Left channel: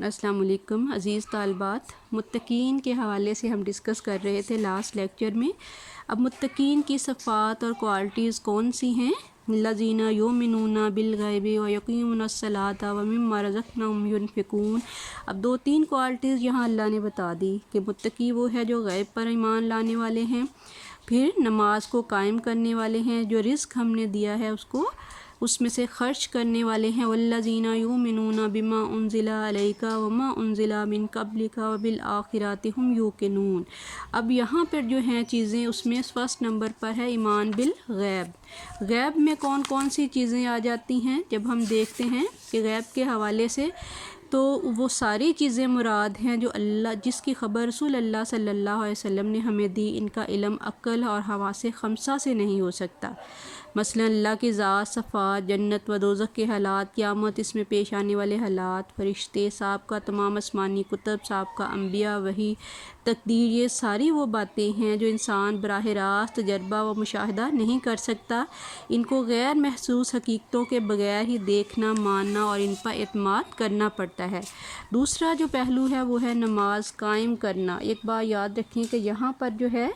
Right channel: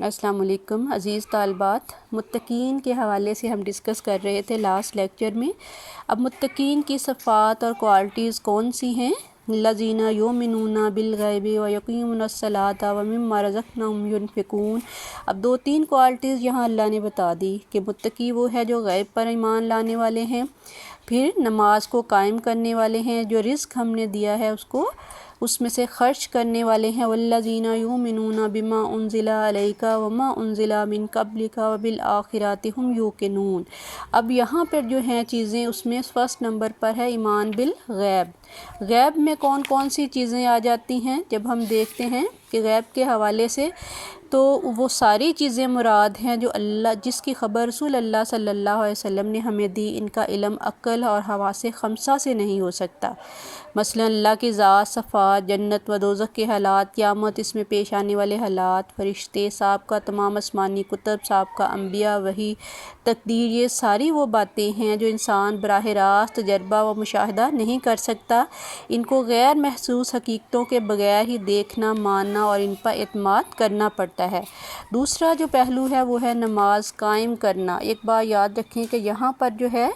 السلام علیکم عزیز طالبات، متقین کے حوالے سے ہم ڈسکس کر رہے تھے لاسٹ لیکچر میں۔ اب متقین کی صفات اور کوالٹیز کون سی ہیں؟ الذین یؤمنون بالغیب ویقیمون الصلاۃ ومما رزقناہم ینفقون۔ اب 2-3 کوالٹیز یہاں اللہ نے بتا دی کہ متقی وہ ہے جو غیب پر ایمان لانے والے ہیں، پھر نماز کو قائم کرنے والے ہیں، جو رزق ہم نے دیا ہے اس میں سے خرچ کرنے والے ہیں، والذین یؤمنون بما انزل الیک وما انزل من قبلک وبالآخرۃ ھم یوقنون۔ اب یہاں پر جو ہیں چیزیں، اس میں فرسٹ نمبر پر ہے ایمان بالغیب۔ غیب میں کون کون سی چیزیں آ جاتی ہیں؟ جب ہم دیکھتے ہیں کہ غیب کے حوالے سے تو وہ ساری چیزیں مراد ہیں جو جس کی خبر رسول اللہ صلی اللہ علیہ وسلم نے ہمیں دی۔ ان کا علم عقل اور حواس خمسہ سے نہیں ہو سکتا۔ مثلا اللہ کی ذات، صفات، جنت و دوزخ کے حالات، قیامت، اس میں پیش آنے والے حالات، فرشتے، صاحب کا تمام آسمانی کتب، صاحب کا انبیاء، وحی، تقدیر، یہ ساری وہ باتیں ہیں جو انسان براہ راست تجربہ و مشاہدہ نہیں کر سکتا۔ ان کو غیر محسوس حقیقتوں کے بغیر ہی دیکھنا، ماننا اور ان پر اعتماد کرنا پڑتا ہے۔ دوسرا جو پہلو ہے وہ ہے نماز قائم کرنا۔ ایک بات یاد رکھیں کہ یہاں پر جو ہے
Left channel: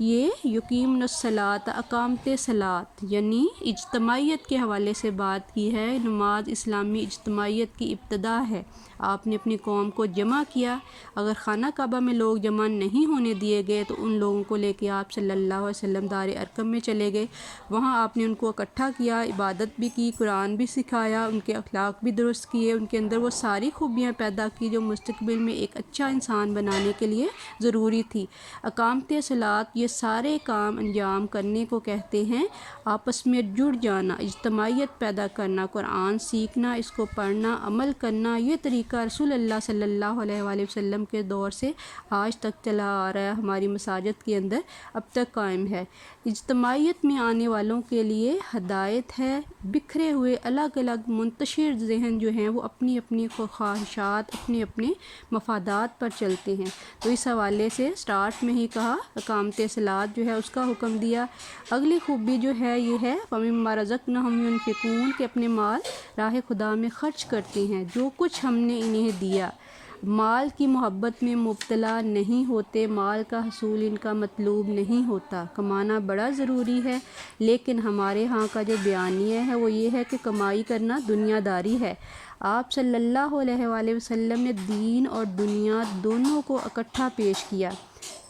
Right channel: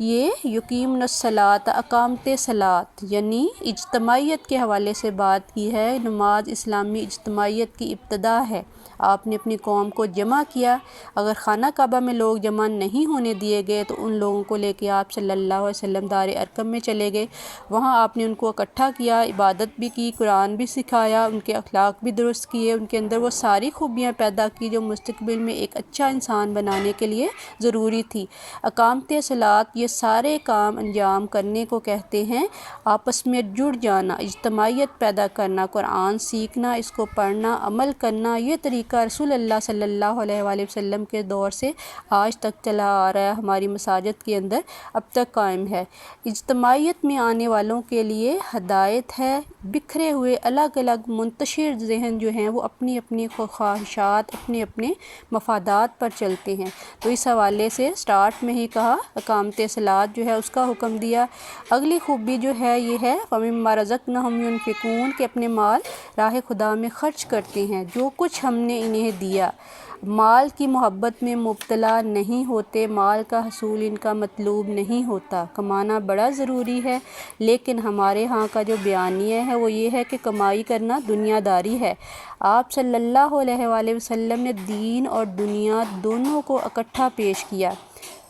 یہ یقیمون الصلاۃ، اقامت صلاۃ، یعنی اجتماعیت کے حوالے سے بات کی ہے۔ نماز اسلامی اجتماعیت کی ابتدا ہے۔ آپ نے اپنی قوم کو جمع کیا، اگر خانہ کعبہ میں لوگ جمع نہیں ہونے دیے گئے تو ان لوگوں کو لے کے آپ صلی اللہ علیہ وسلم دار ارقم میں چلے گئے، وہاں آپ نے ان کو اکٹھا کیا، عبادت بھی کی، قرآن بھی سکھایا، ان کے اخلاق بھی درست کیے، ان کے اندر وہ ساری خوبیاں پیدا کی جو مستقبل میں ایک اچھا انسان بنانے کے لیے ضروری تھی۔ اقامت صلاۃ، یہ سارے کام انجام کرنے کو کہتے ہیں، آپس میں جڑ جانا، اجتماعیت پیدا کرنا، قرآن سیکھنا، اس کو پڑھنا، عمل کرنا۔ یہ طریقہ رسول اللہ صلی اللہ علیہ وآلہ وسلم کے دور سے آج تک چلا آ رہا ہے، ہماری مساجد کے اندر اب تک قائم ہے۔ اجتماعیت میں آنے والوں کے لیے ہدایت ہے۔ بکھرے ہوئے الگ الگ منتشر ذہن جو ہیں وہ اپنی اپنی خواہشات، اپنے اپنے مفادات پر چلتے ہیں، تو اس حوالے سے سٹارٹ میں ہی کہا اقامت صلاۃ جو ہے اس کا حکم دیا۔ اگلی خوبی جو ہے یہ ہے وَمِمَّا رَزَقْنَاهُمْ يُنْفِقُونَ، کہ اپنے مال راہ خدا میں خرچ کرتے ہیں، جو کچھ ہم نے انہیں دیا۔ مال کی محبت میں مبتلا نہیں ہوتے، مال کا حصول ان کا مطلوب نہیں ہوتا۔ کمانا بڑا ضروری ہے، لیکن ہمارے ہاں کا جو بیانیہ ہے وہ یہ ہے کہ کمائی کرنا دنیا داری ہے۔ آپ صلی اللہ علیہ وآلہ وسلم نے دین اور دنیا دونوں کو اکٹھا پیش کیا۔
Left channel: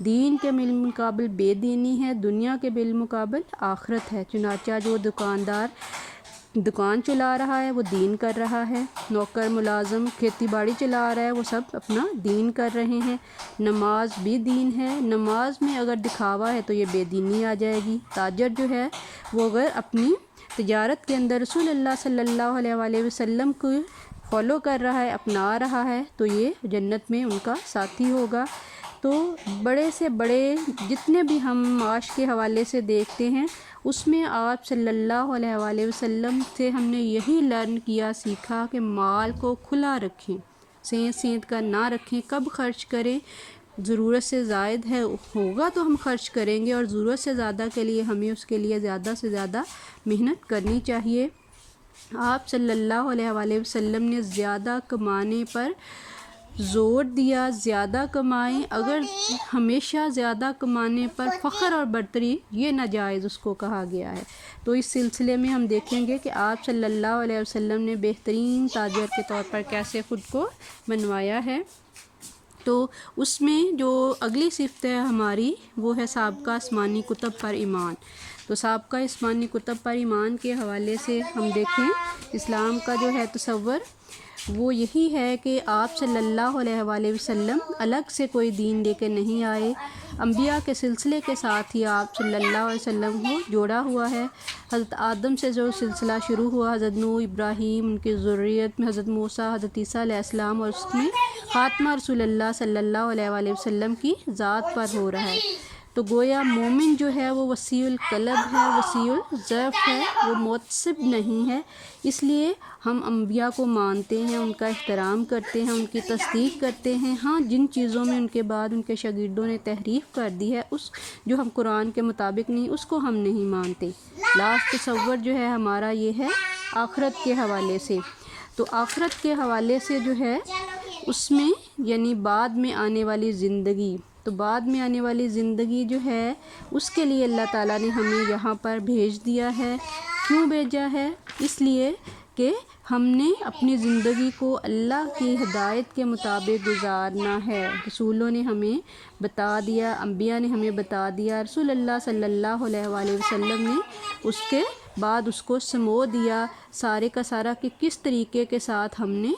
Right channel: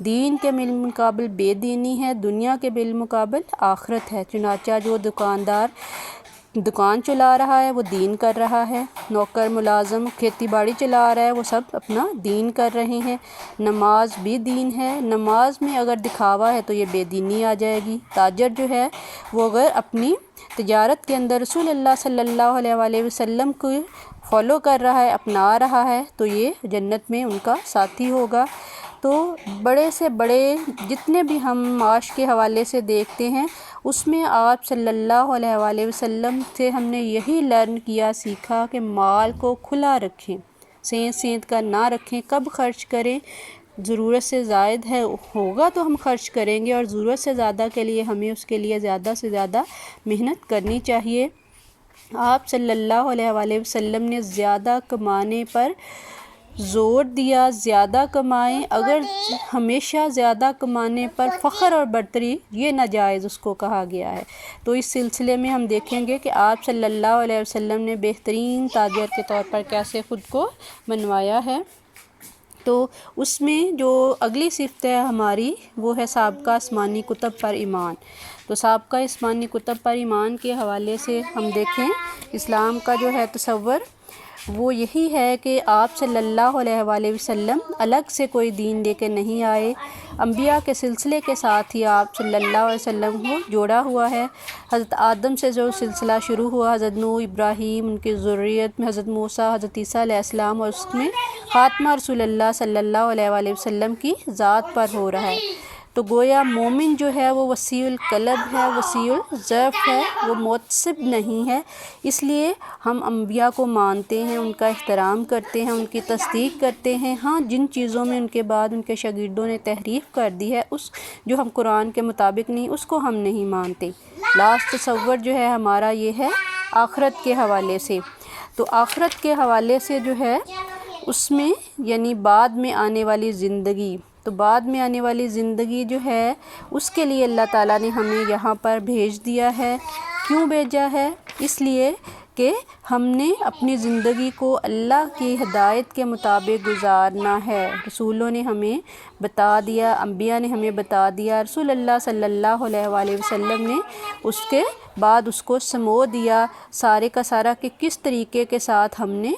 دین کے بالمقابل بے دینی ہے، دنیا کے بالمقابل آخرت ہے۔ چنانچہ جو دکاندار دکان چلا رہا ہے وہ دین کر رہا ہے، نوکر ملازم کھیتی باڑی چلا رہا ہے وہ سب اپنا دین کر رہے ہیں۔ نماز بھی دین ہے، نماز میں اگر دکھاوا ہے تو یہ بے دینی آ جائے گی۔ تاجر جو ہے وہ اگر اپنی تجارت کے اندر رسول اللہ صلی اللہ علیہ وآلہ وسلم کو فالو کر رہا ہے، اپنا رہا ہے، تو یہ جنت میں ان کا ساتھی ہوگا۔ تو بڑے سے بڑے جتنے بھی ہم معاش کے حوالے سے دیکھتے ہیں اس میں آپ صلی اللہ علیہ وآلہ وسلم سے ہم نے یہی لرن کیا، سیکھا کہ مال کو کھلا رکھیں، سینت کا نہ رکھیں، کب خرچ کریں، ضرورت سے زائد ہے ہوگا تو ہم خرچ کریں گے، اور ضرورت سے زیادہ کے لیے ہمیں اس کے لیے زیادہ سے زیادہ محنت کرنی چاہیے۔ آپ صلی اللہ علیہ وآلہ وسلم نے زیادہ کمانے پر زور دیا، زیادہ کمائیں، اگر ہمیشہ زیادہ کمانے پر فخر اور برتری، یہ ناجائز اس کو کہا گیا ہے۔ تو اس سلسلے میں ہم دیکھیں گے کہ آپ صلی اللہ علیہ وسلم نے بہترین تاجر کے طور پر کیسے خود کو منوایا ہے۔ تو اس میں جو اگلی صفت ہے ہماری وہ ہے سابقہ آسمانی کتب پر ایمان۔ تو سابقہ آسمانی کتب پر ایمان کے حوالے سے ہم دیکھیں اسلام کا جو ہے تصور وہ یہی ہے کہ آپ صلی اللہ علیہ وآلہ وسلم الگ سے کوئی دین لے کے نہیں آئے، انبیاء کے سلسلے کے ساتھ ہی آپ صلی اللہ علیہ وسلم کو جوڑا ہوا ہے۔ حضرت آدم سے جو سلسلہ شروع ہوا، حضرت نوح، ابراہیم، ان کی ذریت میں حضرت موسیٰ، حضرت عیسیٰ علیہ السلام، اور اس میں خاتمہ رسول اللہ صلی اللہ علیہ وآلہ وسلم کی ذات پر ہو رہا ہے۔ تو گویا مومن جو ہے وہ وسیع القلب ہے، وسیع الظرف ہے، وہ متعصب نہیں ہے۔ اس لیے ہم انبیاء کو مانتے ہیں، ان کا احترام کرتے ہیں، ان کی تصدیق کرتے ہیں۔ ہاں جن چیزوں میں ان کے بعد ان کے شاگردوں نے تحریف کر دی ہے، اس جو ہم قرآن کے مطابق نہیں، اس کو ہم نہیں مانتے۔ لاسٹ تصور جو ہے ہمارا یہ ہے آخرت کے حوالے سے۔ تو آخرت کے حوالے سے جو ہے اس میں یعنی بعد میں آنے والی زندگی، تو بعد میں آنے والی زندگی جو ہے اس کے لیے اللہ تعالیٰ نے ہمیں یہاں پر بھیج دیا ہے۔ کیوں بھیجا ہے؟ اس لیے کہ ہم نے اپنی زندگی کو اللہ کی ہدایت کے مطابق گزارنا ہے۔ رسولوں نے ہمیں بتا دیا، انبیاء نے ہمیں بتا دیا، رسول اللہ صلی اللہ علیہ وآلہ وسلم نے اس کے بعد اس کو سمو دیا سارے کا سارا کہ کس طریقے کے ساتھ ہم نے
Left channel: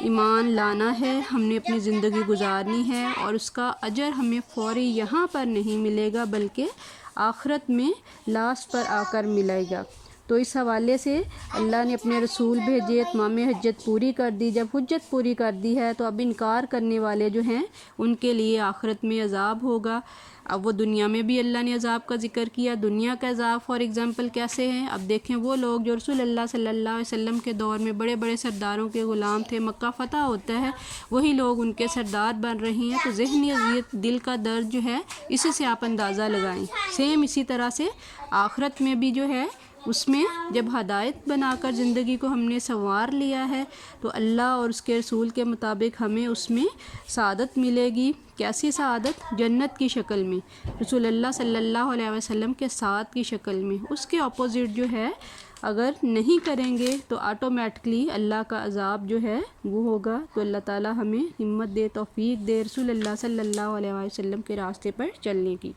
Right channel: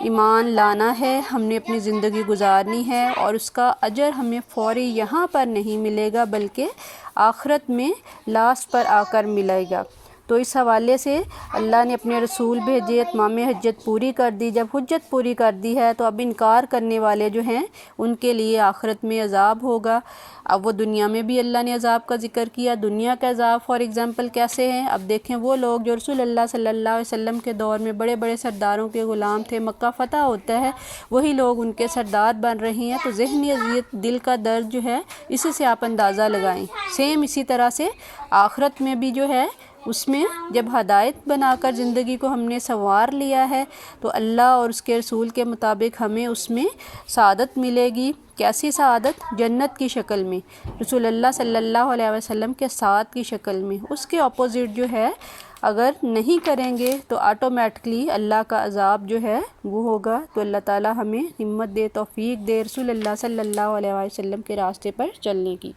ایمان لانا ہے، ہم نے اپنی زندگی گزارنی ہے، اور اس کا اجر ہمیں فوری یہاں پر نہیں ملے گا بلکہ آخرت میں لاسٹ پر آ کر ملے گا۔ تو اس حوالے سے اللہ نے اپنے رسول بھیجے، اتمام حجت پوری کر دی۔ جب حجت پوری کر دی ہے تو اب انکار کرنے والے جو ہیں ان کے لیے آخرت میں عذاب ہوگا۔ اب وہ دنیا میں بھی اللہ نے عذاب کا ذکر کیا۔ دنیا کا عذاب فار ایگزامپل کیسے ہیں؟ اب دیکھیں وہ لوگ جو رسول اللہ صلی اللہ علیہ وسلم کے دور میں بڑے بڑے سرداروں کے غلام تھے، مکہ فتح ہوتا ہے وہی لوگ ان کے سردار بن رہے ہیں، تو ذہنی اذیت، دل کا درد جو ہے اسی سے آپ اندازہ لگائیں۔ سیم اسی طرح سے آخرت میں بھی جو ہے اس میں جب ہدایت بنا کر زندگی کو ہم نے سنوار لیا ہے تو اللہ اور اس کے رسول کے مطابق ہمیں اس میں سعادت ملے گی۔ کیسی سعادت؟ جنت کی شکل میں، رسول اللہ صلی اللہ علیہ وسلم کے ساتھ کی شکل میں۔ اس کے اپوزٹ جو ہے اگر نہیں کریں گے تو آٹومیٹکلی اللہ کا عذاب جو ہے وہ ہوگا۔ تو اللہ تعالی ہمیں ہمت دے، توفیق دے رسول اللہ صلی اللہ علیہ وسلم کے راستے پر چلنے کی۔